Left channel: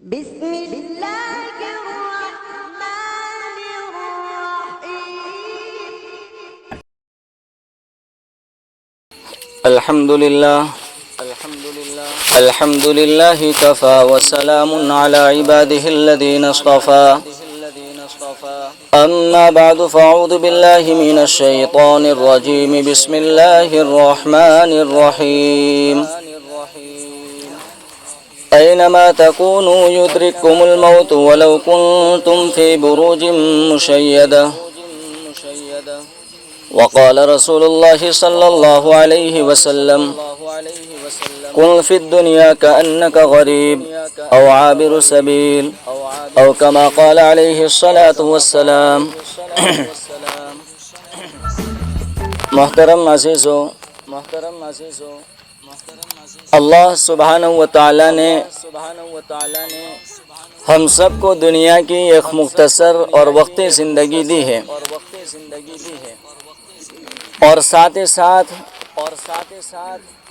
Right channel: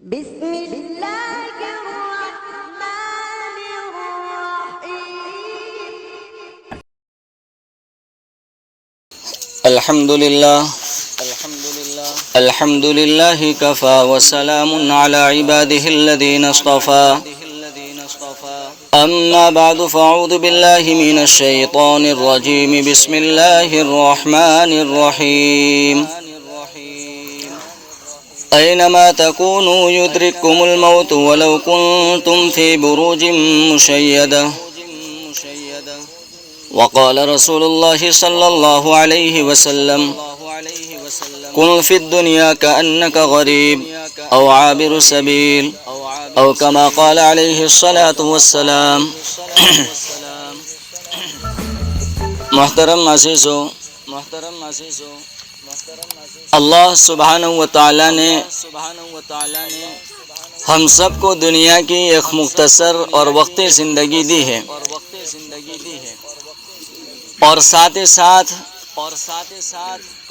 بسم الله الرحمن الرحيم. الحمد لله كفى وسلام على عباده الذين اصطفى. أما بعد فأعوذ بالله من الشيطان الرجيم. بسم الله الرحمن الرحيم. أينما تكونوا يدرككم الموت ولو كنتم في بروج مشيدة. وقال رسول الله صلى الله عليه وسلم: كن في الدنيا كأنك غريب أو عابر سبيل، أو كما قال عليه الصلاة والسلام. محترم عزیزو، اللہ سبحانہ و تعالی نے ہم سب کو دنیا کی ایک مختصر اور وقتی زندگی دی ہے، اور ساتھ ہی ساتھ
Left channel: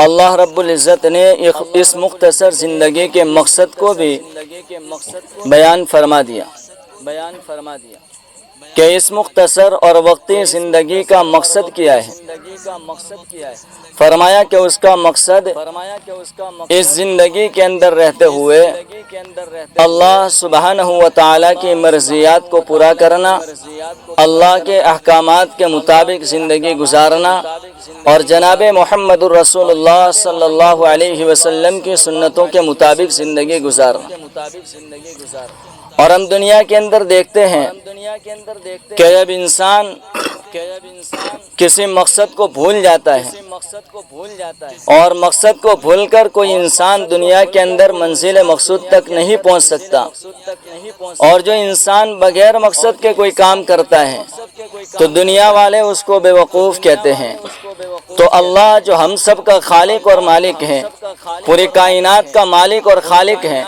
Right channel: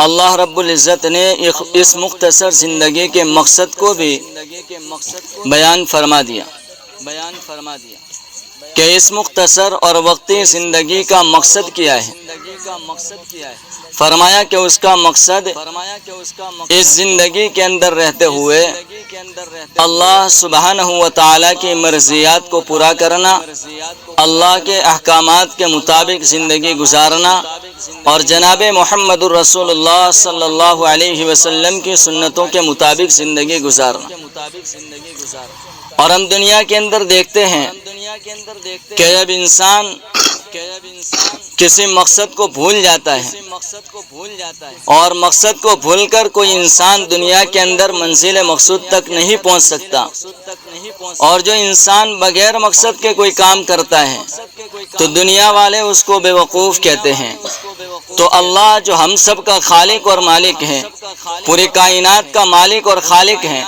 اللہ رب العزت نے اس مختصر زندگی کے مقصد کو بھی بیان فرما دیا کہ اس مختصر اور وقتی زندگی کا مقصد کیا ہے. فرمایا کہ اس کا مقصد اس زندگی کے اندر رہتے ہوئے اللہ سبحانہ و تعالیٰ کی مرضیات کو پورا کرنا، اللہ کے احکامات کے مطابق زندگی گزارنا، اور جناب محمد الرسول اللہ صلی اللہ علیہ وسلم کی سنتوں کے مطابق زندگی گزارنا. اور ہم دنیا کے اندر دیکھتے ہیں کہ جب انسان کسی مقصد کو بھول جاتا ہے اور مقصد کو بھول کر کوئی انسان دنیا کے اندر منزل مقصود تک نہیں پہنچ سکتا، اور جو انسان بغیر مقصد کے کوئی کام کرتا ہے تو دنیا والے اس کو بے وقوف کہتے ہیں. تو اللہ جو ہم سب کا خالق اور مالک ہے، پوری کائنات کا مالک اور خالق ہے،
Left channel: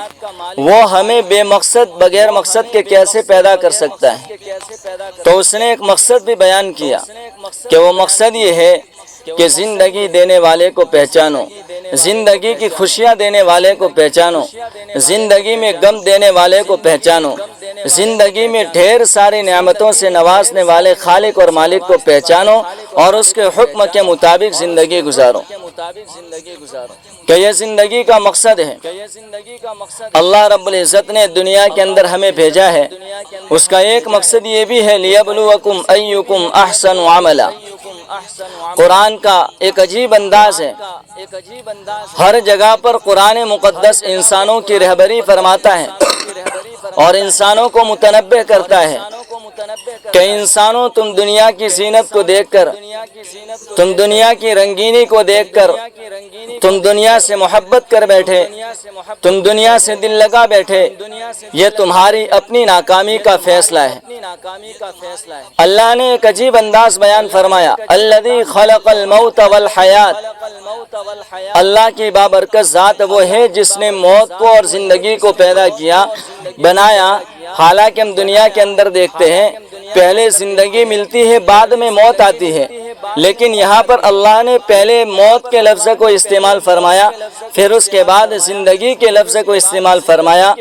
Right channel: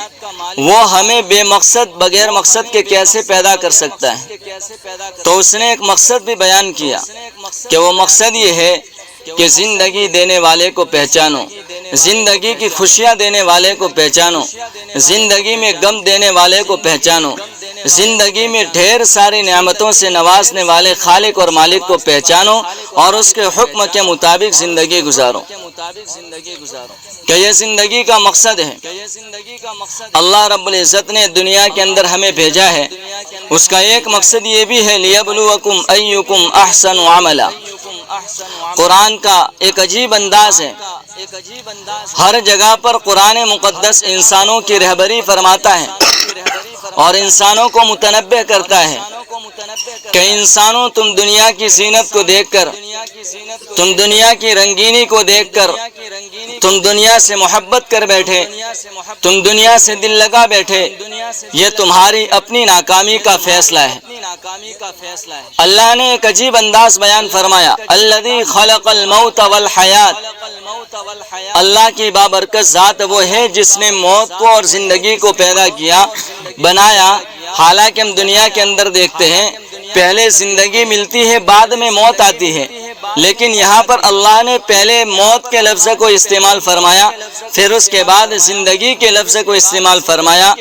وہ ہمیں بے مقصد بغیر مقصد کے کیسے پیدا کر سکتا ہے؟ تو اس نے ایک مقصد بھی بیان کیا کہ وہ مقصد یہ ہے کہ زندگی دینے والے کو پہچانو، زندگی کی خوشیاں دینے والے کو پہچانو، زندگی میں غم دینے والے کو پہچانو، زندگی میں ڈھیر ساری نعمتوں سے نوازنے والے خالق اور مالک کو پہچانو، اور اس کے حکم کے مطابق زندگی گزارو. کہ یہ زندگی کا مقصد ہے. اللہ رب العزت نے دنیا کے اندر ہمیں بھیجا ہے، اس کا ایک مقصد یہ بھی ہے لِيَبْلُوَكُمْ أَيُّكُمْ أَحْسَنُ عَمَلًا. قرآن کا ایک عجیب انداز ہے. ہر جگہ پر قرآن مقدس انسانوں کی رہبری فرماتا ہے اور انسانوں کو متنبہ کرتا ہے کہ انسانوں، تم دنیا کی زینت کو دیکھ کر، تم دنیا کی رنگینی کو دیکھ کر تم دنیا سے محبت کر بیٹھے، تم دنیا سے دل لگا بیٹھے، یہ تمہاری اپنی ناکامی کا فیصلہ ہے. اللہ نے ایک عجیب انداز بیان فرمایا: الذی خلق الموت والحیات. اللہ کی بابرکت ذات وہ ہے جس نے موت کو اور زندگی کو پیدا کیا، بنایا. حالانکہ ہم دنیا کے اندر دیکھتے ہیں پہلے زندگی ملتی ہے، بعد میں موت آتی ہے، لیکن یہاں پر اللہ نے پہلے موت کے لفظ کو استعمال فرمایا، پھر اس کے بعد زندگی کے لفظ کو استعمال فرمایا.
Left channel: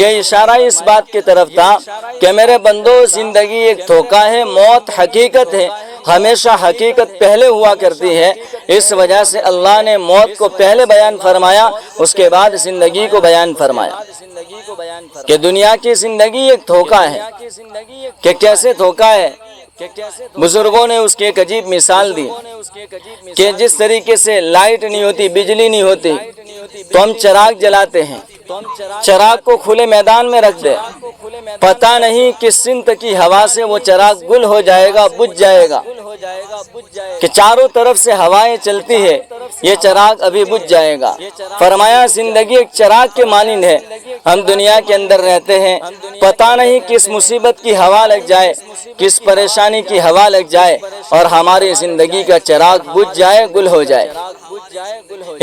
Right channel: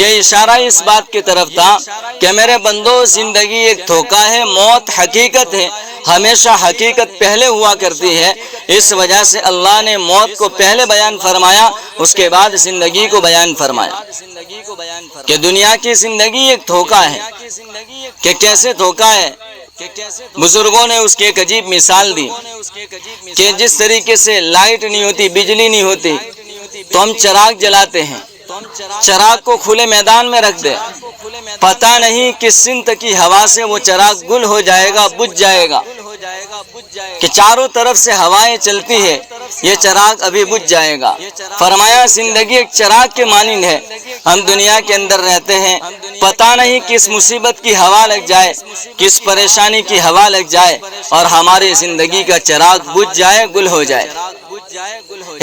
یہ اشارہ اس بات کی طرف تھا کہ میرے بندو، زندگی ایک دھوکہ ہے، موت حقیقت ہے. ہمیشہ حقیقت پہلے ہوا کرتی ہے، اس وجہ سے اللہ نے موت کو پہلے بیان فرمایا، اس کے بعد زندگی کو بیان فرمایا. کہ دنیا کی زندگی ایک دھوکہ ہے. کہ کیسے دھوکہ ہے؟ بزرگوں نے اس کی ایک عجیب مثال دی کہ جس طریقے سے لائٹ نہیں ہوتی، بجلی نہیں ہوتی، تو ہم چراغ جلاتے ہیں. چراغ کو کھلے میدان میں رکھ دے، پتہ نہیں کس سمت کی ہوا سے وہ چراغ گل ہو جائے گا، بجھ جائے گا. کہ چاروں طرف سے ہوائیں چلتی ہے، یہ چراغ ابھی بجھ جائے گا. فرمایا زندگی ایک چراغ کے مانند ہے. ہم دنیا کے اندر رہتے ہیں، پتہ نہیں کس مصیبت کی ہوا لگ جائے، کس پریشانی کی ہوا لگ جائے، اور ہماری زندگی کا چراغ بجھ جائے، گل ہو جائے.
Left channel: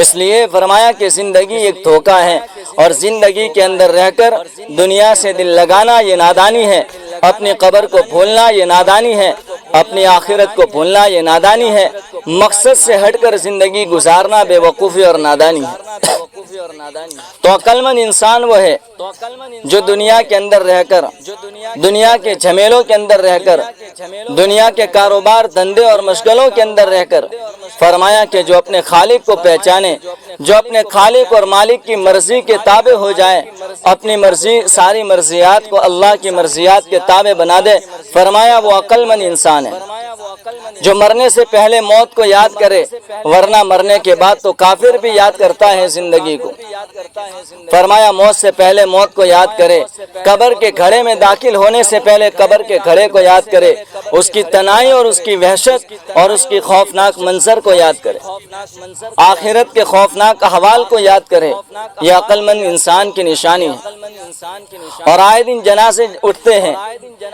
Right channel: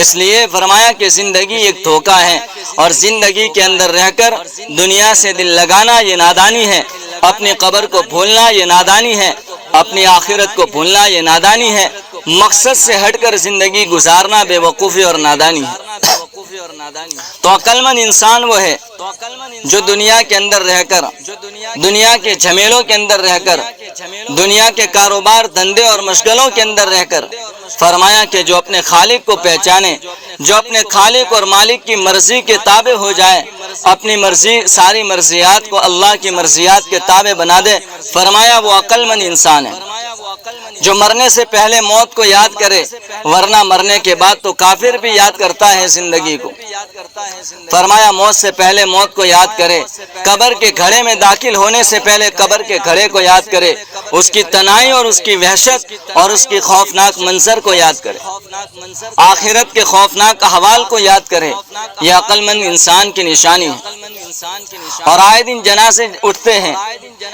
اس لیے فرمایا کہ زندگی ایک دھوکہ ہے، اور زندگی کے اندر رہ کر دنیا سے دل لگانا یہ نادانی ہے، اپنی قبر کو بھولنا یہ نادانی ہے، اپنی آخرت کو بھولنا یہ نادانی ہے. مقصد سے ہٹ کر زندگی گزارنا بے وقوفی اور نادانی ہے. تو عقل مند انسان وہ ہے جو دنیا کے اندر رہ کر دنیا کے جھمیلوں کے اندر رہ کر دنیا کے کاروبار دھندے اور مشغلوں کے اندر رہ کر فرمایا کہ جو اپنے خالق کو پہچانے، جو اپنے خالق اور مالک کی مرضی کے تابع ہو جائے، اپنی مرضی ساری مرضیات کو اللہ کی مرضیات کے تابع بنا دے، فرمایا وہ عقل مند انسان ہے جو مرنے سے پہلے موت کو یاد کرے، ورنہ مرنے کے بعد تو کافر بھی یاد کرتا ہے زندگی کو۔ فرمایا موت سے پہلے موت کو یاد کرے، قبر کے گھڑے میں داخل ہونے سے پہلے قبر کے گھڑے کو یاد کرے، اس کی تنہائی اور اس کی وحشت اور اس کی خوفناک منظر کو یاد کرے، آخرت کے خوفناک احوال کو یاد کرے۔ یہ عقل مند انسان کی نشانی ہے۔ اور آئے دن جنازے اٹھتے ہیں،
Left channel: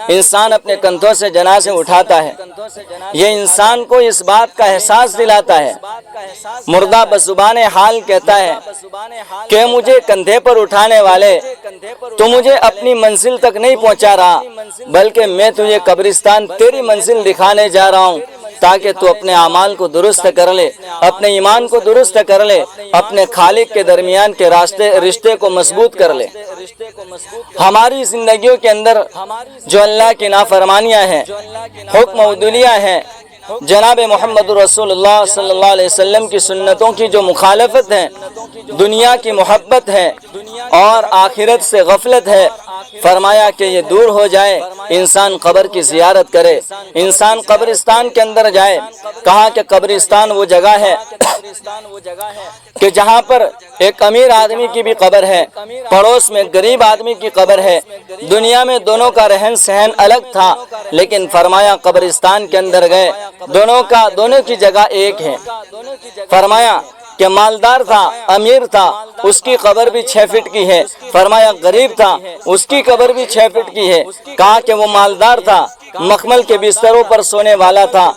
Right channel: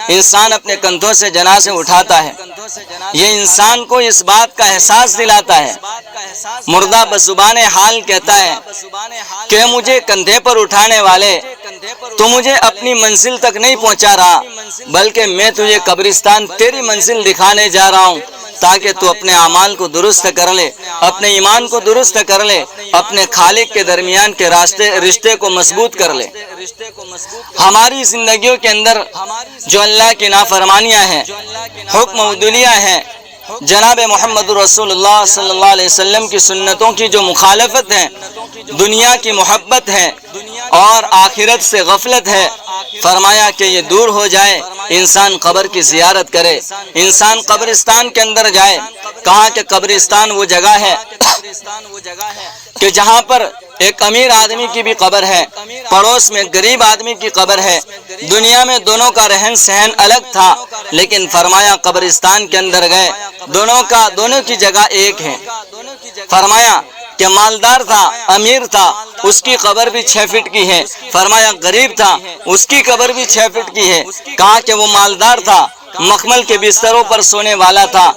انسان اپنے کندھوں سے جنازے اٹھاتا ہے، یہ انسان کو اس بات کا احساس دلاتا ہے۔ مردہ بزبان حال کہتا ہے کہ مجھے کندھے پر اٹھانے والے، تو مجھے اپنی منزل تک نہیں پہنچا رہا، بلکہ میں تجھے قبرستان تیری منزل دکھانے جا رہا ہوں، تاکہ تو اپنے اعمال کو درست کر لے، اپنے ایمان کو درست کر لے، اپنے خالق کے درمیان کے رشتے کو مضبوط کر لے۔ ہماری زندگیوں کے اندر جو اللہ کی نافرمانیاں ہیں، حکم عدولیہ ہیں، جناب محمد رسول اللہ صلی اللہ علیہ وسلم کی سنتوں کی جو مخالفت ہے، دنیا کی محبت ہے اور آخرت سے غفلت ہے، فرمایا کہ یہ دور ہو جائے، انسان قبر کی زیارت کرے، انسان قبرستان کے اندر جائے۔ کہا کہ قبرستان وہ جگہ ہے کہ جہاں پر ایک امیر آدمی کی بھی قبر ہے، پڑوس میں غریب آدمی کی قبر ہے، دنیا میں دونوں کا رہن سہن الگ تھا، لیکن فرمایا قبرستان کے اندر گئے، دونوں کی جگہ ایک ہے۔ فرمایا کہ مالدار تھا، امیر تھا، اس کی قبر بھی 6 فٹ کی ہے، فرمایا غریب تھا، اس کی قبر بھی 6 فٹ کی ہے۔ کہا کہ وہ مالدار تھا، مخمل کے بستروں پر سونے والا تھا،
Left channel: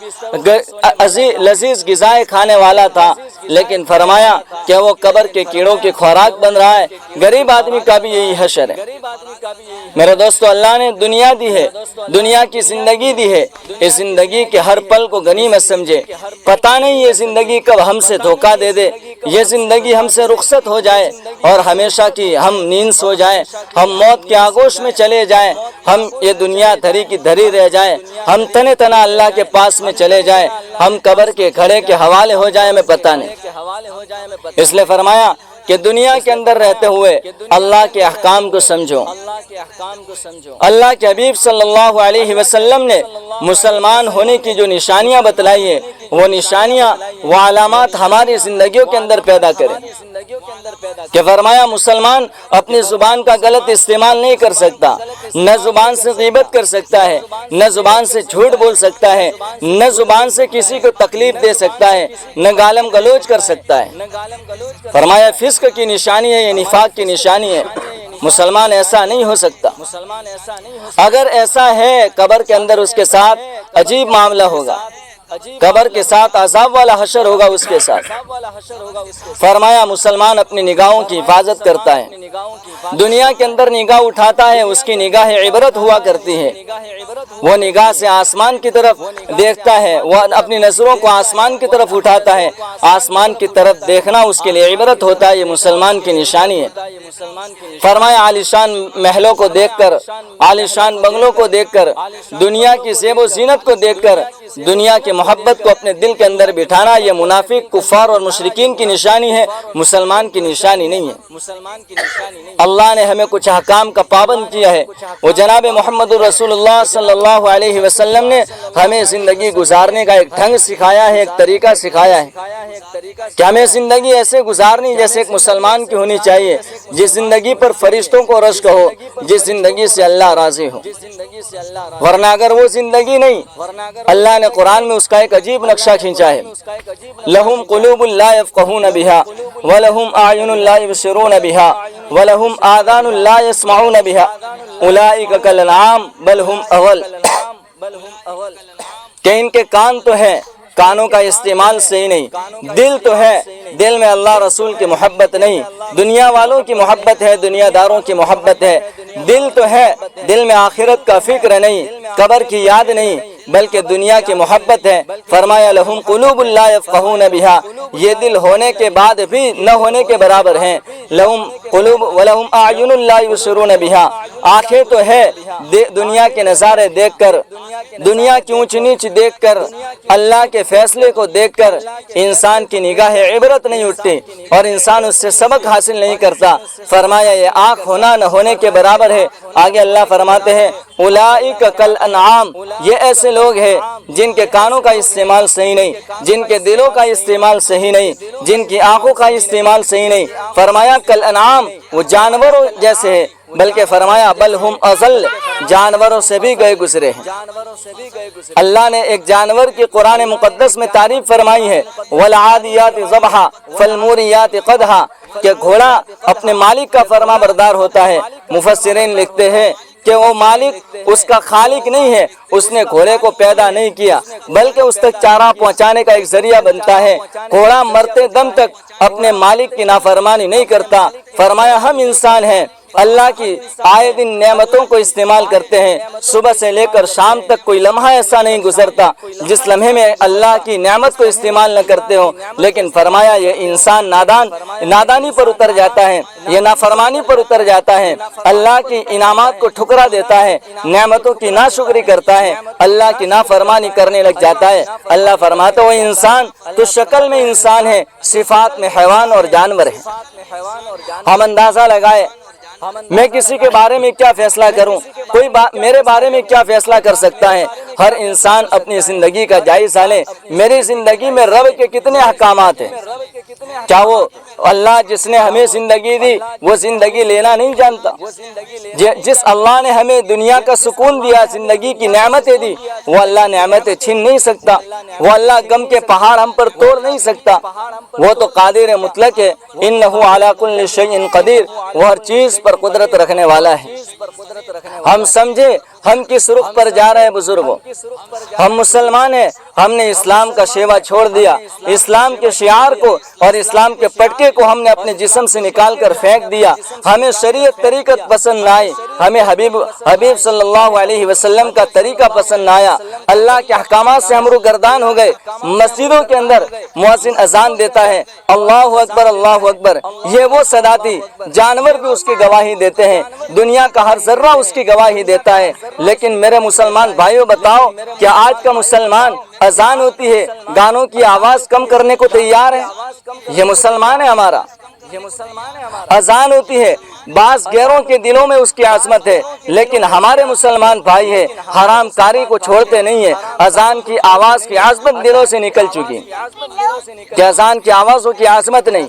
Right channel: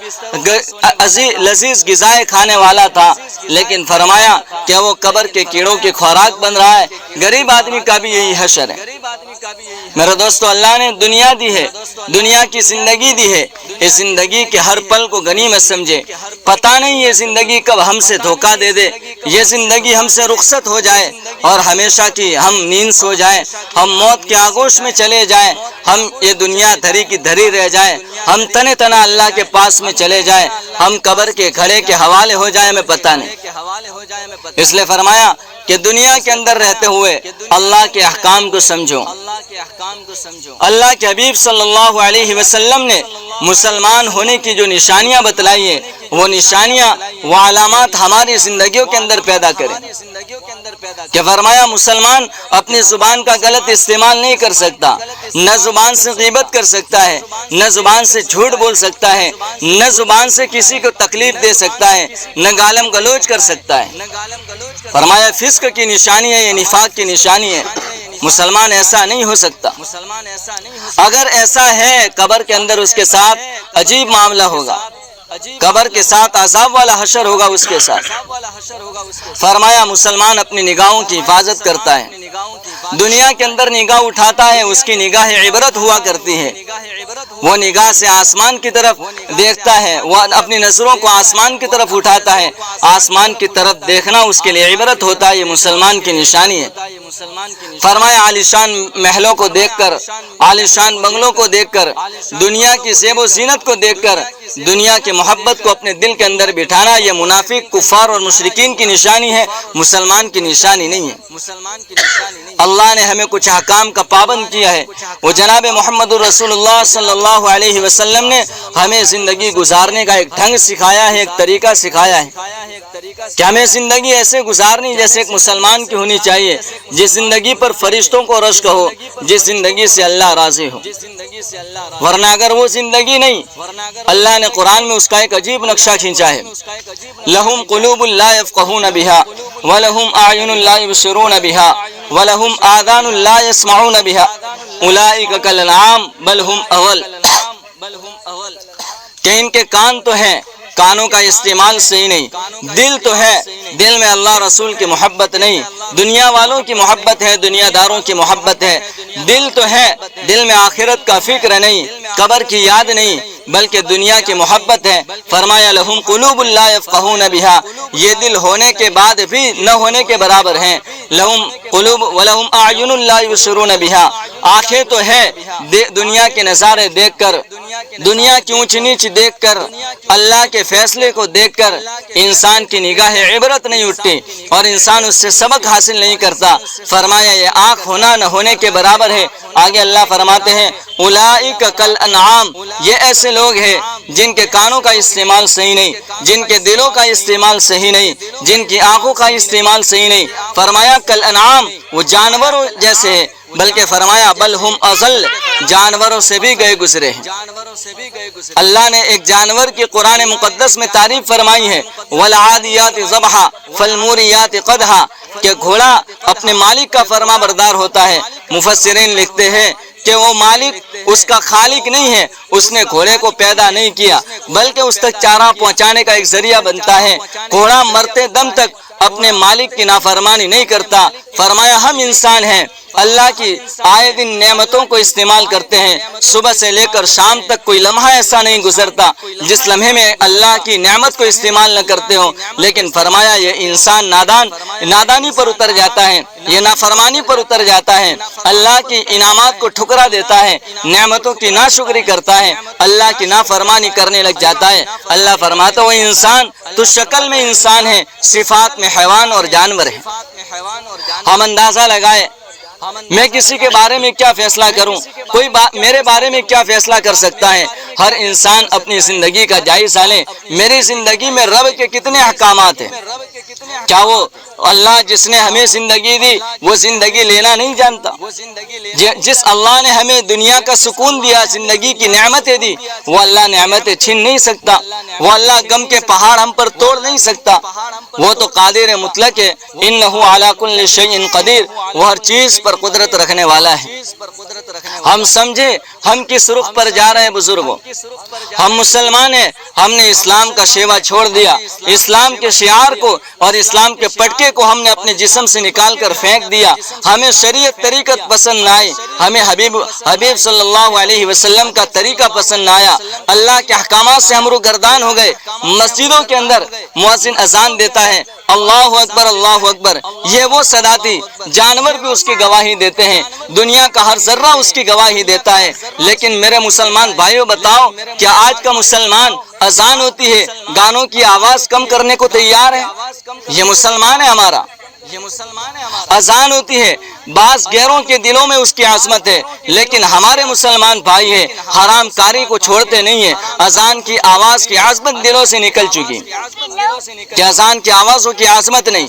لذیذ غذائیں کھانے والا تھا، لیکن فرمایا کہ وہ قبر کے کیڑوں کی خوراک بن رہا ہے۔ غریب آدمی کا بھی یہی حشر ہے۔ میرے دوستو، اللہ نے دنیا دی ہے، دنیا کی زندگی دی ہے، اس زندگی کے ہر پل کو غنیمت سمجھے۔ پتہ نہیں یہ زندگی کب ہم سے دھوکہ دے دے، یہ زندگی ہم سے رخصت ہو جائے اور ہمیشہ کی ہم نیند سو جائیں، ہم موت کے آغوش میں چلے جائیں، ہم یہ دنیا دھری کی دھری رہ جائیں، ہم تنے تنا اللہ کے پاس میں چلے جائیں، ہم قبر کے گھڑے کے حوالے ہو جائیں، ہمیں پتہ نہیں۔ اس لیے فرمایا کہ دنیا کے اندر رہتے ہوئے اللہ کے احکام کو سمجھو۔ اللہ کے حبیب صلی اللہ علیہ وسلم نے مسلمان ہونے کی جو نشانیاں بتلائی ہیں، وہ نشانیاں، وہ علامات ہماری زندگیوں کے اندر پیدا کریں۔ کہ فرمایا مسلمان اپنی زبان کا غلط استعمال نہیں کر سکتا، نہ زبان سے غیبت کر سکتا ہے، نہ زبان سے جھوٹ بول سکتا ہے، نہ زبان سے کسی کو تکلیف دے سکتا ہے، نہ گالم گلوچ کر سکتا ہے۔ فرمایا فسق کی نشانی ہے، یہ نفاق کی نشانی ہے، مسلمان ایسا نہیں ہو سکتا۔ اگر ایسا ہے، قبر کے اندر اس کے ساتھ عجیب معاملہ ہوگا، قبر کے ساتھ عذاب والا حشر ہوگا اس کے ساتھ۔ فرمایا مسلمان اپنی نگاہوں کی حفاظت کرتا ہے، دنیا کے اندر نگاہ اٹھاتا ہے، اس کی نگاہ عبرت ہوا کرتی ہے، وہ نگاہ سے آسمان کی طرف دیکھتا ہے، وہ اپنی نظروں کو آسمان کی طرف اٹھاتا ہے، آسمان کی طرف دیکھنا اس کے لیے عبرت ہوتا ہے، یہ مسلمان کی نشانی ہے۔ فرمایا عالیشان محلوں کو دیکھ کر، عالیشان بنگلوں کو دیکھ کر، دنیا کی زیب و زینت کو دیکھ کر دنیا کی محبت کو اپنے دل کے اندر بٹھانا، یہ منافق، کفار اور مشرکین کی نشانی ہے، مسلمان کی نشانی نہیں ہے۔ اللہ نے ہمیں کچھ احکام کا پابند کیا ہے، وہ جناب محمد رسول اللہ صلی اللہ علیہ وسلم نے ہمیں زندگی گزارنے کا ایک ڈھنگ سکھایا ہے، ایک طریقہ سکھایا ہے کہ ہمیں زندگی ایسے گزارنی جیسے ایک مسلمان کی ہونی چاہیے، جس زندگی پر فرشتوں کو رشک ہو، جس زندگی سے اللہ راضی ہو۔ ورنہ اگر وہ زندگی نہیں، اللہ نے قرآن میں اس کا ایک عجیب نقشہ کھینچا ہے، لَهُمْ قُلُوبٌ لَا يَفْقَهُونَ بِهَا وَلَهُمْ أَعْيُنٌ لَا يُبْصِرُونَ بِهَا وَلَهُمْ آذَانٌ لَا يَسْمَعُونَ بِهَا أُولَئِكَ كَالْأَنْعَامِ بَلْ هُمْ أَضَلُّ، کہ ان کے کان تو ہیں کانوں کا استعمال صحیح نہیں، دل تو ہے، دل میں اللہ رسول کی محبت نہیں، دنیا والوں کی محبت ہے، دنیا داروں کی محبت ہے، دل تو ہے، دل میں آخرت کا فکر نہیں، قبر کی یاد نہیں، بلکہ دنیا کی محبت ہے۔ فرمایا لہم قلوب لا یفقہون بہا، یہ دل ہونے کے بعد بھی نہ ہونے کے برابر ہیں۔ لہم قلوب ولہم اعین لا یبصرون بہا، آنکھیں تو ہے، دنیا کے نظارے دیکھ کر، دنیا کی اونچ نیچ دیکھ کر، اللہ کے فیصلے کو دیکھ کر انسان کی نگاہ عبرت نہیں اٹھتی اور انسان اس سے سبق حاصل نہیں کرتا۔ فرمایا یہ آنکھ ہونا نہ ہونے کے برابر ہے۔ آگے اللہ فرماتے ہیں اولئک کالانعام، یہ ایسے لوگ ہیں جن کے کانوں کا استعمال صحیح نہیں، جن کے دلوں کا استعمال صحیح نہیں، جن کی آنکھوں کا استعمال صحیح نہیں۔ فرمایا کالانعام، وہ جانوروں جیسے ہیں، بلکہ فرمایا بل ہم اضل، جانوروں سے بھی گئے گزرے ہیں۔ اللہ نے ایک جانور کی قرآن مقدس میں تعریف فرمائی ہے والعادیات ضبحا فالموریات قدحا، کہ گھوڑا اپنے مالک کا فرما بردار ہوتا ہے۔ مفسرین لکھتے ہیں کہ وہ مالک اس کا خالق نہیں ہے، اس نے گھوڑے کو پیدا نہیں کیا بلکہ اس تک چارہ پہنچانے کا ایک ذریعہ بنتا ہے۔ گھوڑا مرتے دم تک اپنے مالک کی نافرمانی نہیں کرتا۔ فرمایا ہم انسان ہیں، اللہ کی آئے دن نعمتوں کو استعمال کرتے ہیں، صبح سے لے کر شام تک کوئی لمحہ ایسا نہیں گزرتا جس لمحے میں اللہ کی نعمت کو استعمال نہ کرتے ہوں، لیکن فرمایا یہ انسان نادانی پر اتر جاتا ہے، یہ نافرمانی پر اتر جاتا ہے، اللہ کی انعامات کو ٹھکرا دیتا ہے، نعمتوں کی ناشکری کرتا ہے، اللہ کی نافرمانی کرنے لگ جاتا ہے۔ اللہ فرماتا ہے وہ انسان تو شکل میں انسان ہے، صفات میں حیوان اور جانور ہے۔ ہم اندازہ لگائے میں کسی کے بارے میں کیا فیصلہ کروں، کوئی میرے بارے میں کیا فیصلہ کر سکتا ہے؟ ہر انسان اپنی زندگی کا جائزہ لے، میری زندگی میں رب کے کتنے احکامات ہیں؟ کیا وہ اللہ جس نے ہمیں زندگی دی وہ زندگی لینا نہیں جانتا؟ جس اللہ نے ہمیں دنیا کا سکون دیا، زندگی کی نعمتیں دی، وہ اللہ نعمتیں چھین نہیں سکتا، وہ اللہ غم کے پہاڑ ہم پر توڑ نہیں سکتا، وہ تو قادر مطلق ہے۔ انہ علی کل شیء قدیر، وہ ہر چیز پر قدرت رکھنے والا ہے۔ ہم سمجھے ہم کس رخ پر جا رہے ہیں بزرگوں؟ ہم مسلمان ہیں، ہم نے اسلام کا شیوا چھوڑ دیا، اسلام کے شعار کو اور اسلام کے پٹکے کو ہم نے اپنے جسم سے نکال کر پھینک دیا۔ ہمیں شریعت طریقت پسند نہ آئی، ہمیں حبیب صلی اللہ علیہ وسلم کا طریقہ پسند نہ آیا، اللہ کے احکامات سے ہم روگردان ہو گئے۔ مسجدوں کے اندر مؤذن اذان دیتا ہے اللہ اکبر اللہ اکبر، یہ وہ صدا تھی، جانور بھی اس کی گواہی دیتے ہیں، دنیا کا ہر ذرہ اس کی گواہی دیتا ہے۔ لیکن میرے مسلمان بھائیوں بتاؤ کیا آج کا مسلمان اذان ہوتی ہے گانوں کی آواز کم کرنے کو تیار ہے؟ یہ مسلمان ہے ہمارا۔ اذان ہوتی ہے، بعض غیروں کے دلوں میں اس کی عظمت ہے، لیکن ہمارے مسلمان بھائی ہیں حرام کاری کو چھوڑتے نہیں ہیں۔ اذان کی آواز کی عظمت دلوں سے نکل چکی کہ اذان کی آوازوں کی عظمت نہیں۔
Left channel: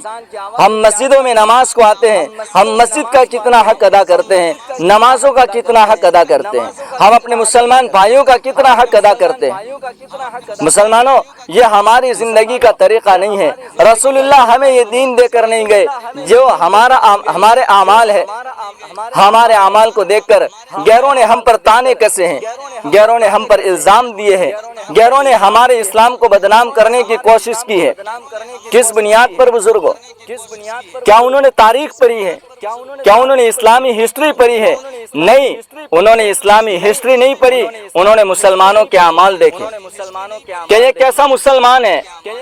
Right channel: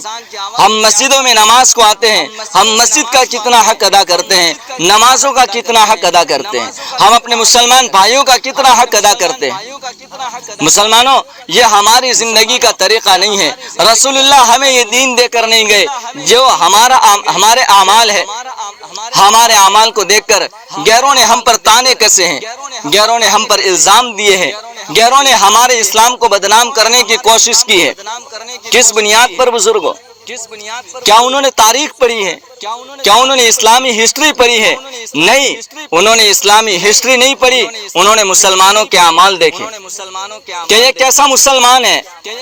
ہم مسجدوں میں نماز کو آتے ہیں، ہم مسجد کا کتنا حق ادا کرتے ہیں، نمازوں کا کتنا حق ادا کرتے ہیں، ہم اپنے مسلمان بھائیوں کا کتنا حق ادا کرتے ہیں۔ مسلمانوں یہ ہماری زندگی کا طریقہ نہیں ہے۔ رسول اللہ ہمیں یہ دین دے کر نہیں گئے جو ہمارے اعمال ہے، ہمارے اعمال کو دیکھ کر غیروں نے ہم پر طعنے کسے ہیں، غیروں نے ہم پر الزام دیے ہیں، غیروں نے ہمارے اسلام کو بدنام کرنے کی کوشش کی ہے۔ کس بنیاد پر بزرگوں؟ کیا انہوں نے تاریخ پڑھی ہے؟ کیا انہوں نے اسلامی ہسٹری پڑھی ہے؟ نہیں، انہوں نے اسلامی ہسٹری نہیں پڑھی، انہوں نے مسلمانوں کے اعمال دیکھے کہ یہ کیسا مسلمان ہے۔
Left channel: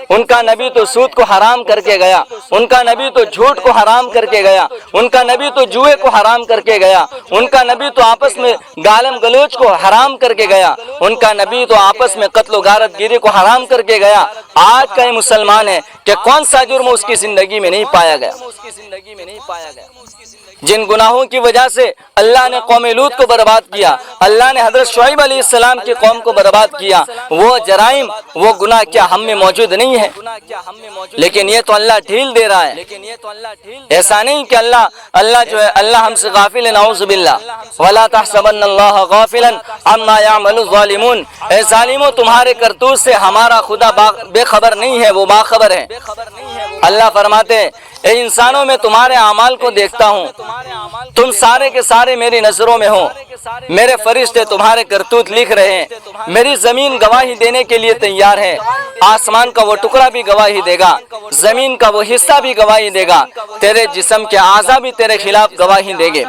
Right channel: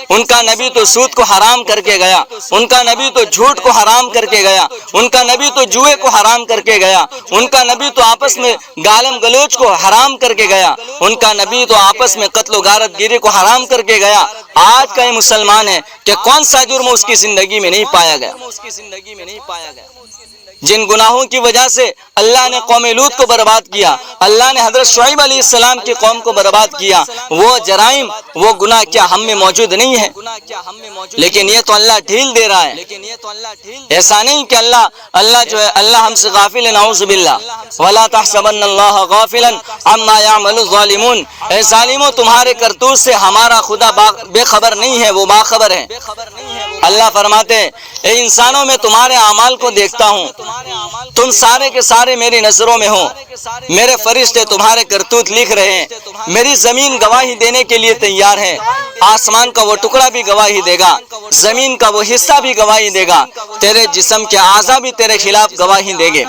ان کا نبی تو سود کو حرام کر کے گیا، ان کا نبی تو جھوٹ کو حرام کر کے گیا، ان کا نبی تو جوئے کو حرام کر کے گیا، ان کا نبی تو آپس میں گالم گلوچ کو حرام کر کے گیا، ان کا نبی تو آپس میں قتل و غارت گیری کو حرام کر کے گیا۔ آج کا یہ مسلمان ہے کہ کون سا جرم اس کی زندگی میں نہیں پایا گیا؟ جن گناہوں کی وجہ سے اللہ نے قوم لوط کو برباد کیا، اللہ نے حضرت شعیب علیہ السلام کی قوم کو برباد کیا، وہ جرائم وہ گناہ کیا ہم میں موجود نہیں ہے؟ لیکن یہ تو اللہ ڈھیل دے رہا ہے۔ ایسا نہیں کہ اللہ جو ہے اللہ ہم سے غافل ہے، نعوذ باللہ۔ وَلَا تَحْسَبَنَّ اللَّهَ غَافِلًا عَمَّا يَعْمَلُ الظَّالِمُونَ، اے ظالموں تمہارے کرتوت سے ہمارا خدا بے خبر نہیں ہے، وہ باخبر ہے۔ اللہ فرماتے ہیں اے انسانوں میں تمہارے اعمال کو دیکھتا ہوں، تم سارے کے سارے میری نظروں میں ہو، میرے فرشتے تمہارے کرتوت لکھ رہے ہیں، میری زمین گواہی دینے کے لیے تیار ہے، آسمان کا وہ ٹکڑا بھی گواہی دے گا، زمین کا وہ حصہ بھی گواہی دے گا، تیرے جسم کے اعضاء بھی تیرے خلاف گواہی دیں گے۔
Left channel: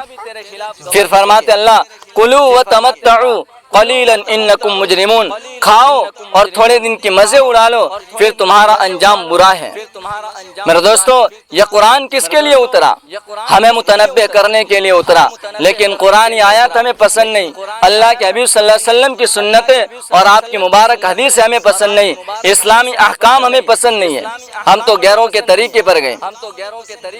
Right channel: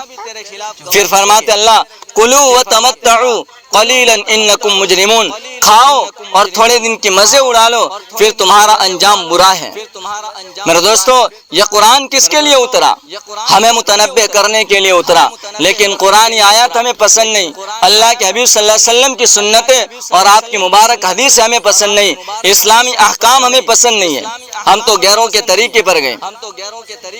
پھر فرماتے اللہ کلوا وتمتعوا قلیلا انکم مجرمون، کھاؤ اور تھوڑے دن کے مزے اڑا لو، پھر تمہارا انجام برا ہے۔ میرے دوستو، یہ قرآن کس کے لیے اترا؟ ہمیں متنبہ کرنے کے لیے اترا، لیکن قرآنی آیات ہمیں پسند نہیں، اللہ کے حبیب صلی اللہ علیہ وسلم کی سنتیں اور آپ کی مبارک حدیث ہمیں پسند نہیں، اسلامی احکام ہمیں پسند نہیں ہے، ہم تو غیروں کے طریقے پر گئے۔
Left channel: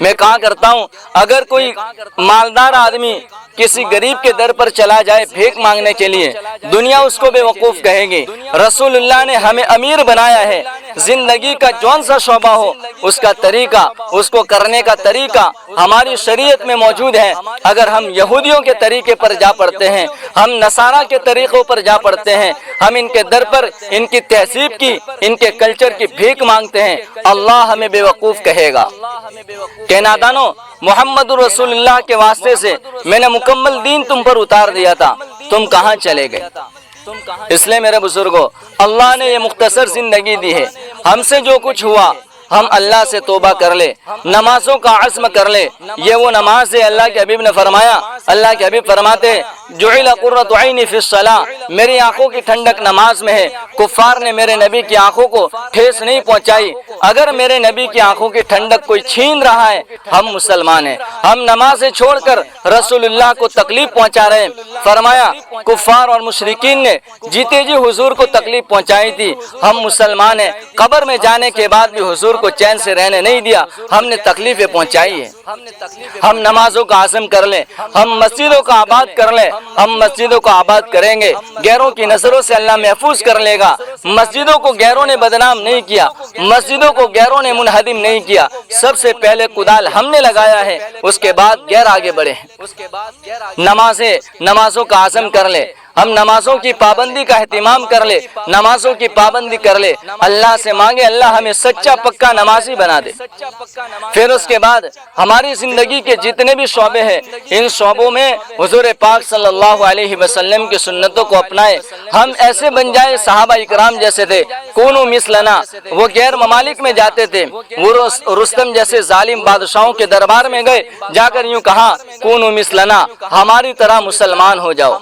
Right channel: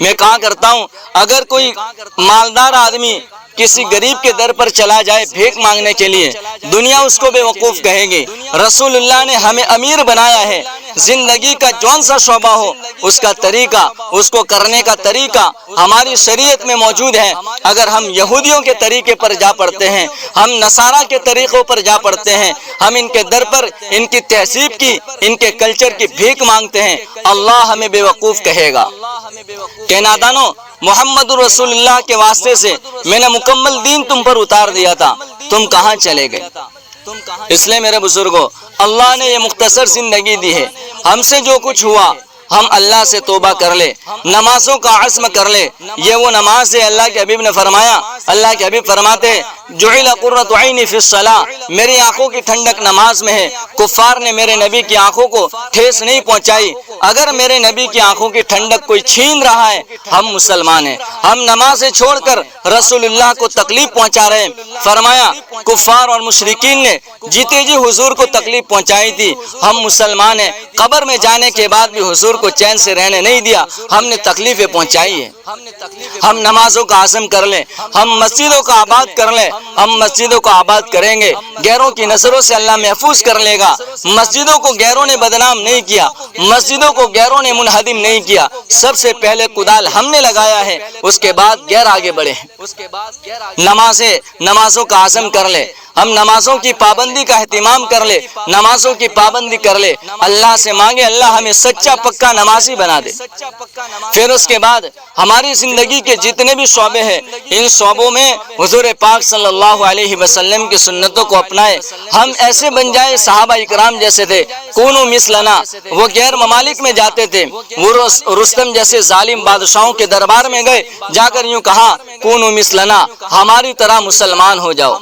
میں کہا کرتا ہوں، اگر کوئی مالدار آدمی کسی غریب کے در پر چلا جائے بھیک مانگنے کے لیے، دنیا اس کو بے وقوف کہے گی۔ رسول اللہ نے ہمیں امیر بنایا ہے، زندگی کا جون سا شعبہ ہو اس کا طریقہ، اس کو کرنے کا طریقہ ہماری شریعت میں موجود ہے۔ اگر ہم یہودیوں کے طریقے پر جا پڑتے ہیں، ہم نصارہ کے طریقوں پر جا پڑتے ہیں، ہم ان کے در پر ان کی تہذیب کی، ان کے کلچر کی بھیک مانگتے ہیں، اللہ ہمیں بے وقوف کہے گا۔ کہ نادانو، محمد رسول اللہ کے واسطے سے میں نے مکمل دین تم پر اتار دیا تھا، تم کہاں چلے گئے؟ اس لیے میرے بزرگوں، اللہ نے یہ مختصر زندگی دی ہے، ہم سے جو کچھ ہوا ہم اللہ سے توبہ کر لے، نمازوں کا عزم کر لے۔ یہ وہ نماز ہے، اللہ کے حبیب نے فرمایا، اللہ کے حبیب فرماتے ہیں جعل قرۃ عینی فی الصلاۃ، میری آنکھوں کی ٹھنڈک نماز میں ہے۔ کفار نے میرے نبی کی آنکھوں کو ٹھیس نہیں پہنچائی، اگر میرے نبی کی آنکھوں کی ٹھنڈک کوئی چھین رہا ہے، ہم مسلمان ہیں، ہم نمازیں چھوڑ کر رسول اللہ کو تکلیف پہنچا رہے ہیں۔ فرمایا کفار اور مشرکین نے جیتے جی حضور کو تکلیف پہنچائی تھی، ہم مسلمان ہیں، قبر میں جانے کے بعد بھی حضور کو چین سے رہنے نہیں دیا، ہم نے تکلیفیں پہنچائی ہیں۔ ہم نمازوں کا عزم کر لیں، ہم مسجدوں کا آباد کر لیں، ہم مسجدوں کو آباد کریں گے، غیروں کی نظروں سے اللہ محفوظ کر لے گا۔ مسجدوں کو غیروں نے بدنام نہیں کیا، مسجدوں کو غیروں نے منہدم نہیں کیا، سب سے پہلے کدال ہم نے لگایا ہے، اس کے بعد غیر آگے بڑھے ہیں۔ نمازوں کا عزم کر لے، ہم نمازوں کی پابندی کا اہتمام کر لے، نمازوں کی پابندی کر لے، اللہ سے مانگے اللہ ہمیں سچا پکا نمازی بنا دے۔ پھر اس کے بعد ہماری زندگی کے جتنے بھی شعبے ہیں، ان شعبوں میں حضور پاک صلی اللہ علیہ وسلم کی سنتوں کو اپنائے، ہم ایسے بن جائے صحابہ اکرام جیسے تھے، کونوا مثلنا، وہ غیر ممالک میں جاتے تھے، وہ رستم جیسے ظالم بادشاہوں کے دربار میں گئے، جا کر یوں کہا کونوا مثلنا، ہماری طرح مسلمان ہو جاؤ۔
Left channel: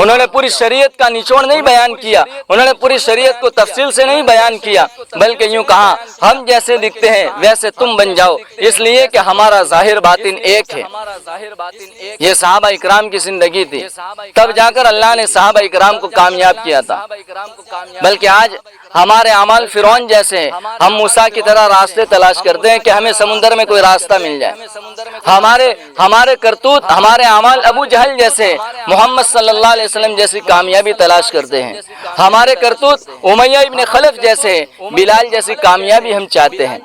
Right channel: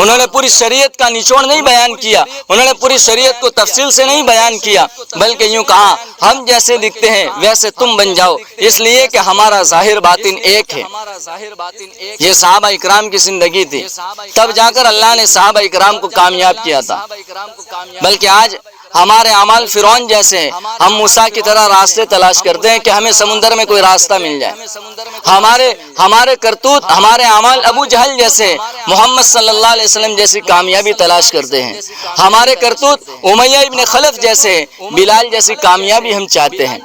انہوں نے پوری شریعت کا نچوڑ نہیں بیان کیا، انہوں نے پوری شریعت کو تفصیل سے نہیں بیان کیا، بلکہ یوں کہا ہم جیسے دکھتے ہیں ویسے تم بن جاؤ، اس لیے کہ ہمارا ظاہر باطن ایک ہے۔ یہ صحابہ اکرام کی زندگی تھی، تب جا کر اللہ نے صحابہ اکرام کو کامیاب کیا تھا۔ بلکہ آج ہمارے اعمال فرعون جیسے ہیں، ہم موسیٰ کی طرح راستے تلاش کرتے ہیں کہ ہمیں سمندر میں کوئی راستہ مل جائے۔ ہمارے کرتوت، ہمارے اعمال ابو جہل جیسے، محمد صلی اللہ علیہ وسلم جیسی کامیابی تلاش کرتے ہیں۔ ہمارے کرتوت امیہ ابن خلف جیسے، بلال جیسی کامیابی ہم چاہتے ہیں۔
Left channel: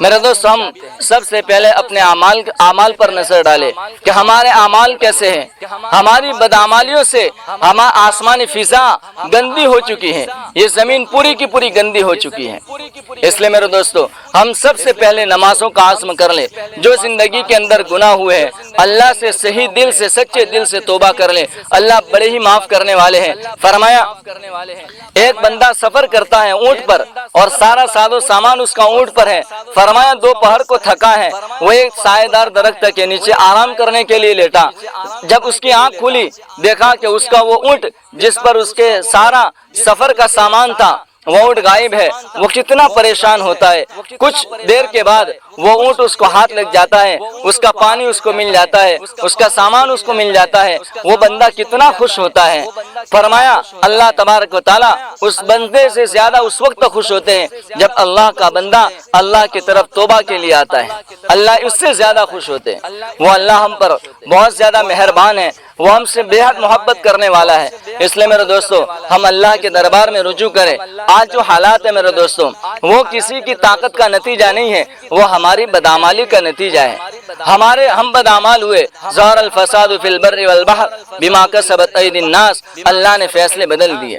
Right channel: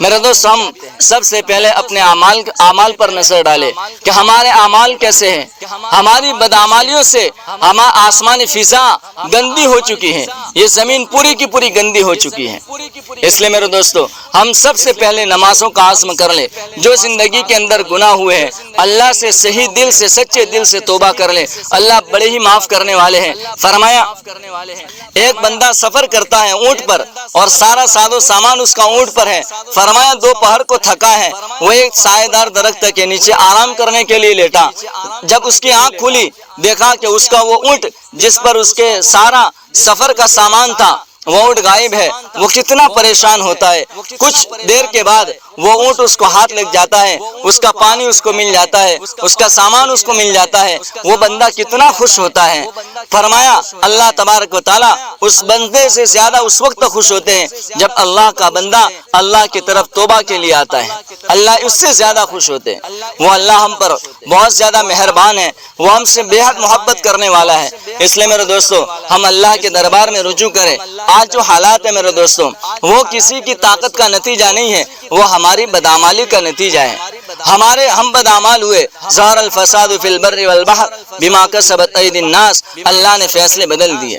میرے دوست، ہم سب سے پہلے اپنے اعمال پر نظر ڈالیں کہ ہمارے اعمال کیسے ہیں۔ ہماری بدعمالیوں سے ہمارا آسمانی فضا گندی ہو چکی ہے، یہ زمین پوری کی پوری گندی ہو چکی ہے۔ اس لیے میرے دوستو، ہم سب سے پہلے نمازوں کا عزم کر لیں، جو زندگی کے اندر گناہ ہوئے ہیں اللہ سے صحیح دل سے، سچے دل سے توبہ کر لیں، اللہ بڑے ہی معاف کرنے والے ہیں۔ فرمایا ایک بندہ سفر کرتا ہے اونٹ پر اور سارا ساز و سامان اس کا اونٹ پر ہے، فرمایا دوپہر کو تھکا ہے، وہ ایک سایہ دار درخت کے نیچے آرام کرنے کے لیے لیٹا، جب اس کی آنکھ کھلی دیکھا کہ اس کا وہ اونٹ جس پر اس کے سارا سفر کا سامان تھا وہ اونٹ غائب ہے، وہ کتنا پریشان ہوتا ہے۔ کچھ دیر کے بعد وہ اونٹ اس کو ہاتھ لگ جاتا ہے، اس کا پانی اس کو مل جاتا ہے، اس کا سامان اس کو مل جاتا ہے، وہ بندہ کتنا خوش ہوتا ہے۔ فرمایا اللہ تبارک و تعالیٰ اس بندے سے زیادہ اس وقت خوش ہوتے ہیں جب اللہ کا بندہ اللہ کی طرف توبہ کے لیے آتا ہے، اللہ اس سے زیادہ خوش ہوتے ہیں۔ وہ اللہ ہم پر بہت زیادہ مہربان ہے، وہ ہم سے بے حد محبت کرنے والا ہے۔ اس لیے میرے دوستو، ہم اللہ کے دربار میں رجوع کریں۔ آج جو حالات ہے میرے دوستو، وہ کسی کی طاقت کا نتیجہ نہیں ہے، وہ ہماری بدعمالی کا نتیجہ ہے۔ ہم بدعمال ہوئے. ظہر الفساد فی البر والبحر بما کسبت ایدی الناس. اللہ نے فیصلے بدل دیے.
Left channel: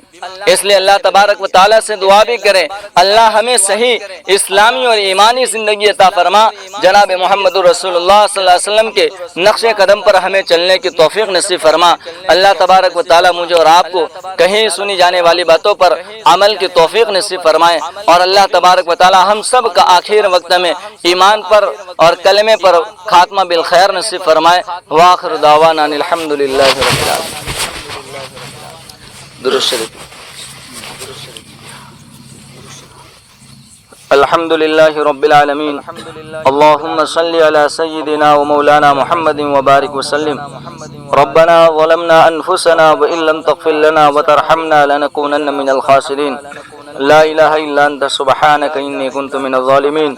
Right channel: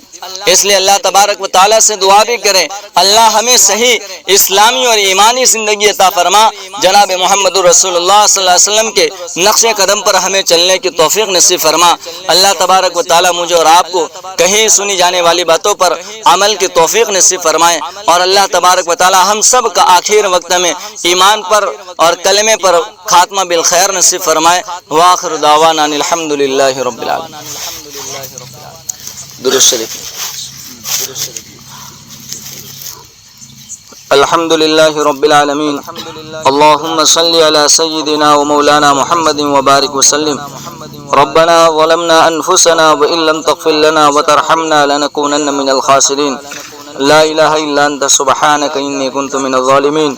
اس لیے اللہ تبارک و تعالیٰ سے دعا بھی کریں اللہ ہمیں صحیح اسلامی اور ایمانی زندگی عطا فرما. جناب محمد رسول اللہ صلی اللہ علیہ وسلم کے نقش قدم پر ہمیں چلنے کی توفیق نصیب فرما. اللہ تبارک و تعالیٰ مجھے اور آپ کو کہیں سنی جانے والی باتوں پر عمل کی توفیق نصیب فرمائے. اور اللہ تبارک و تعالیٰ ہم سب کا آخر وقت میں ایمان پر اور کلمے پر خاتمہ بالخیر نصیب فرمائے. وآخر دعوانا ان الحمدللہ رب العالمین. درود شریف. الحمد لله رب العالمين. اللهم صل على سيدنا ومولانا محمد وبارك وسلم. ربنا ظلمنا أنفسنا وإن لم تغفر لنا وترحمنا لنكونن من الخاسرين. لا إله إلا أنت سبحانك إني كنت من الظالمين.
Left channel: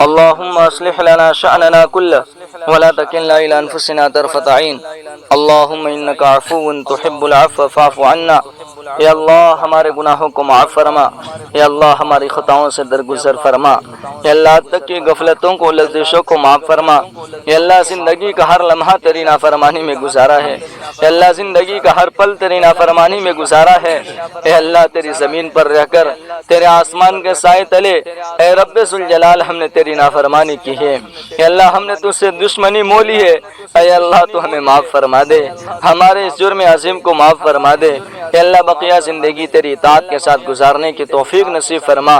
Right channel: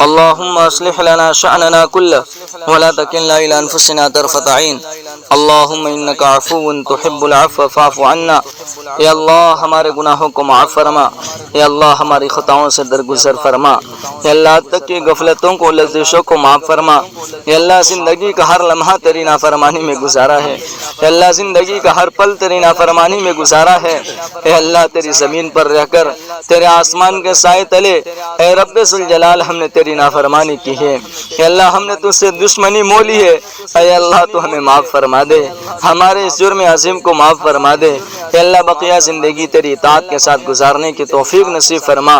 اللهم اصلح لنا شأننا كله ولا تكلنا إلى أنفسنا طرفة عين. اللهم إنك عفو تحب العفو فاعف عنا. اے اللہ ہمارے گناہوں کو معاف فرما. اے اللہ ہماری خطاؤں سے درگزر فرما. اے اللہ تک کی غفلتوں کو لرزشوں کو معاف فرما. اے اللہ زندگی کا ہر لمحہ تیری نافرمانی میں گزارا ہے. اے اللہ زندگی کا ہر پل تیری نافرمانی میں گزارا ہے. اے اللہ تیری زمین پر رہ کر تیرے آسمان کے سائے تلے اے رب ذوالجلال ہم نے تیری نافرمانی کی ہے. اے اللہ ہم نے تجھ سے دشمنی مولی ہے. اے اللہ تو ہمیں معاف فرما دے. ہمارے اس جرم عظیم کو معاف فرما دے. اے اللہ بقیہ زندگی تیری اطاعت کے ساتھ گزارنے کی توفیق نصیب فرما.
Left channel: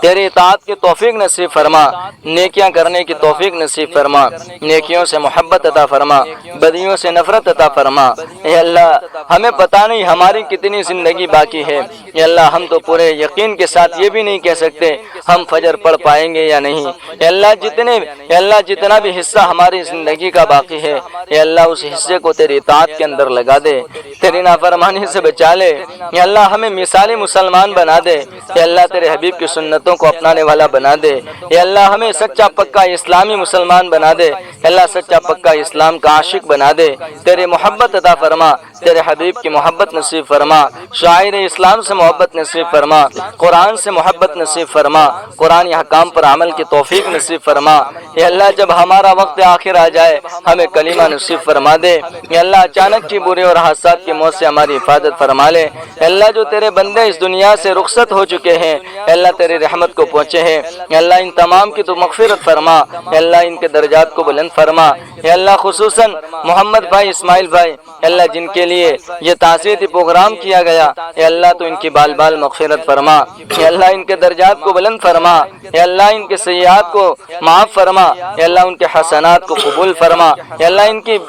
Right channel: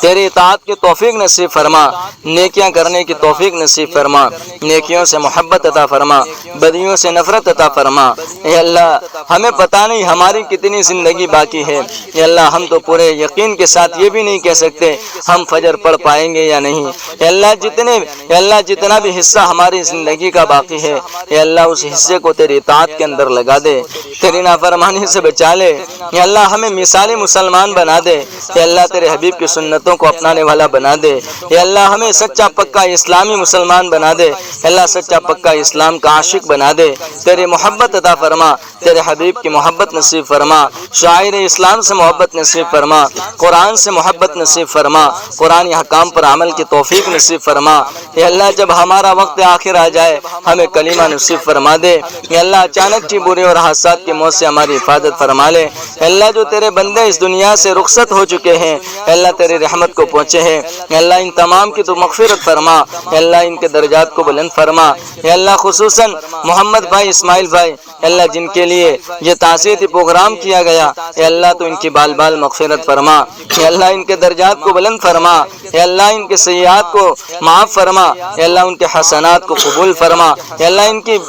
تیری اطاعت کی توفیق نصیب فرما. نیکیاں کرنے کی توفیق نصیب فرما. نیکیوں سے محبت عطا فرما. بدیوں سے نفرت عطا فرما. اے اللہ ہمیں پتہ نہیں ہماری کتنی زندگی باقی ہے. اے اللہ ہم تو پورے یقین کے ساتھ یہ بھی نہیں کہہ سکتے ہم فجر پڑھ پائیں گے یا نہیں. اے اللہ جتنا بھی حصہ ہماری زندگی کا باقی ہے اے اللہ اس حصے کو تیری اطاعت کے اندر لگا دے. تیری نافرمانی سے بچا لے. اے اللہ ہمیں مثالی مسلمان بنا دے. اے اللہ تیرے حبیب کی سنتوں کو اپنانے والا بنا دے. اے اللہ ہمیں سچا پکا اسلامی مسلمان بنا دے. اے اللہ سچا پکا اسلام کا عاشق بنا دے. تیری محبت عطا فرما. تیرے حبیب کی محبت نصیب فرما. شاعر اسلام سے محبت نصیب فرما. قرآن سے محبت نصیب فرما. قرآن حکام پر عمل کی توفیق نصیب فرما. اے اللہ جب ہمارا وقت آخر آ جائے ہمیں کلمہ نصیب فرما دے. اے اللہ اچانک کی بری اور حادثات کی موت سے ہماری حفاظت فرما لے. اے اللہ جو تیرے بندے اس دنیا سے رخصت ہو چکے ہیں اے اللہ تیری رحمت کو پہنچے ہیں اے اللہ ان تمام کی تو مغفرت فرما. اے اللہ ان کے درجات کو بلند فرما. اے اللہ خصوصاً محمد بھائی اسماعیل بھائی اے اللہ جن کے لیے یہ تعزیتی پروگرام کیا گیا اے اللہ تو ان کی بال بال مغفرت فرما. اے اللہ ان کے درجات کو بلند فرما. اے اللہ ان کے سیئات کو معاف فرما. اے اللہ ان کے حسنات کو قبول فرما. اے اللہ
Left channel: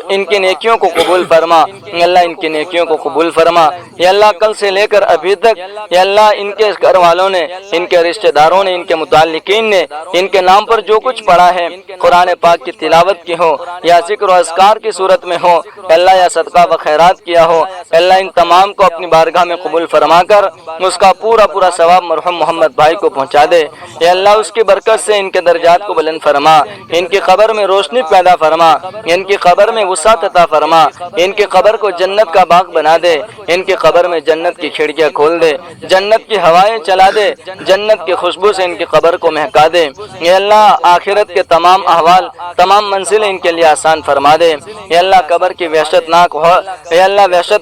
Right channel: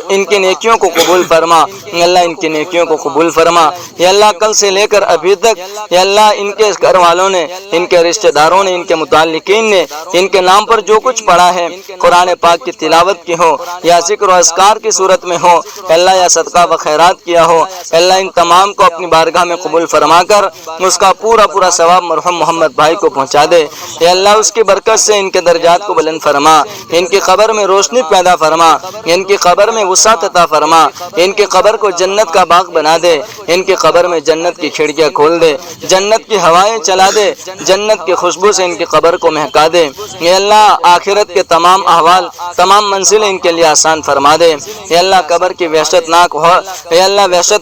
ان کی نیکیوں کو قبول فرما. اے اللہ ان کی نیکیوں کو قبول فرما. اے اللہ کل سے لے کر ابھی تک اے اللہ ان کے گھر والوں نے ان کے رشتہ داروں نے ان کے متعلقین نے ان کے نام پر جو کچھ پڑھا ہے قرآن پاک کی تلاوت کی ہو یا ذکر و اذکار کی صورت میں ہو اے اللہ یا صدقہ و خیرات کیا ہو اے اللہ ان تمام کو اپنی بارگاہ میں قبول فرما کر اس کا پورا ثواب مرحوم محمد بھائی کو پہنچا دے. اے اللہ اس کی برکت سے ان کے درجات کو بلند فرما. ان کی قبر میں روشنی پیدا فرما. ان کی قبر میں وسعت عطا فرما. ان کی قبر کو جنت کا باغ بنا دے. ان کی قبر میں جنت کی کھڑکیاں کھول دے. جنت کی ہوائیں چلا دے. جنت کی خوشبو سے ان کی قبر کو مہکا دے. اے اللہ آخرت کے تمام احوال تمام منزلیں ان کے لیے آسان فرما دے. اے اللہ قبر کی وحشت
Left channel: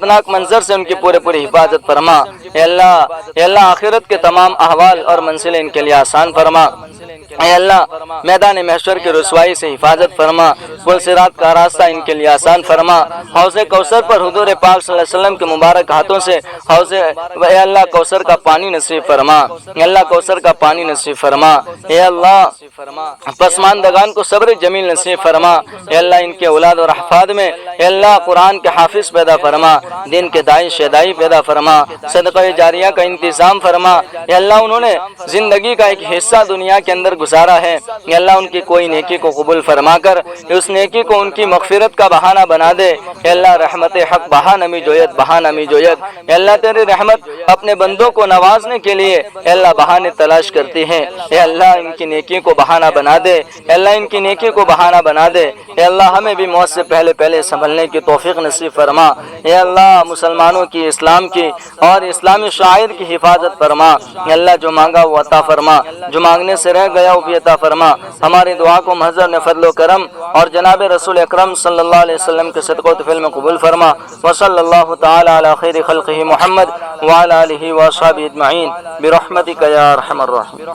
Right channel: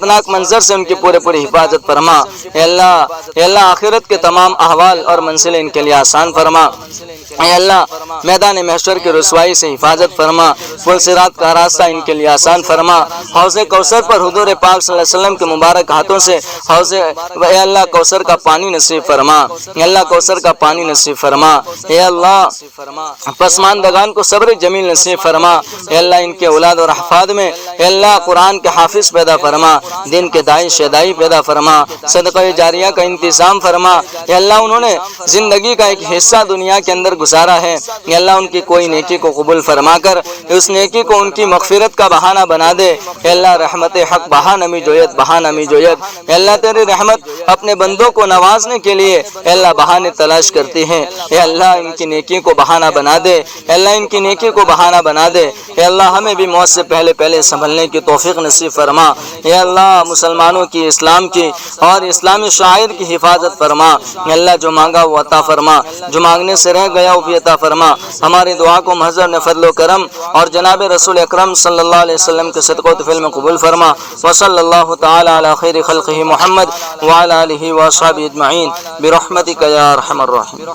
ناک منظر سے ان کی پوری حفاظت فرما. اے اللہ آخرت کے تمام احوال اور منزلیں ان کے لیے آسان فرما. اے اللہ میدان محشر کی رسوائی سے حفاظت فرما. پل صراط کا راستہ ان کے لیے آسان فرما. حوض کوثر پر حضور پاک صلی اللہ علیہ وسلم کے مبارک ہاتھوں سے اے اللہ کوثر کا پانی نصیب فرما. اے اللہ کوثر کا پانی نصیب فرما. اے اللہ پسماندگان کو صبر جمیل نصیب فرما. اے اللہ ان کے اولاد اور احفاد میں اے اللہ قرآن کے حافظ پیدا فرما. دین کے داعی شیدائی پیدا فرما. صدقہ جاریہ کا انتظام فرما. اے اللہ انہوں نے زندگی کا ایک حصہ دنیا کے اندر گزارا ہے. اے اللہ ان کی کوئی نیکی کو قبول فرما کر اس نیکی کو ان کی مغفرت کا بہانہ بنا دے. اے اللہ رحمت حق بہا نمی جویت. اے اللہ تیری رحمت اپنے بندوں کو نوازنے کے لیے اے اللہ بہانے تلاش کرتی ہے. اے اللہ ان کی نیکی کو بہانہ بنا دے. اے اللہ ان کی نیکی کو بہانہ بنا دے. اے اللہ ہمیں بھی موت سے پہلے سمجھ عملنے کی توفیق نصیب فرما۔ اے اللہ مسلمانوں کی، اسلام کی اور اسلامی شاعر کی حفاظت فرما۔ اے اللہ جو مانگا وہ عطا فرما، جو مانگنے سے رہ گیا وہ بھی عطا فرما۔ ہماری دعا کو محض اپنے فضل و کرم اور جناب رسول اکرم صلی اللہ علیہ وسلم کے صدقہ و طفیل میں قبول فرما۔ وصلی اللہ تعالی علی خیر خلقہ محمد وعلی آلہ واصحابہ اجمعین برحمتک یا ارحم الراحمین۔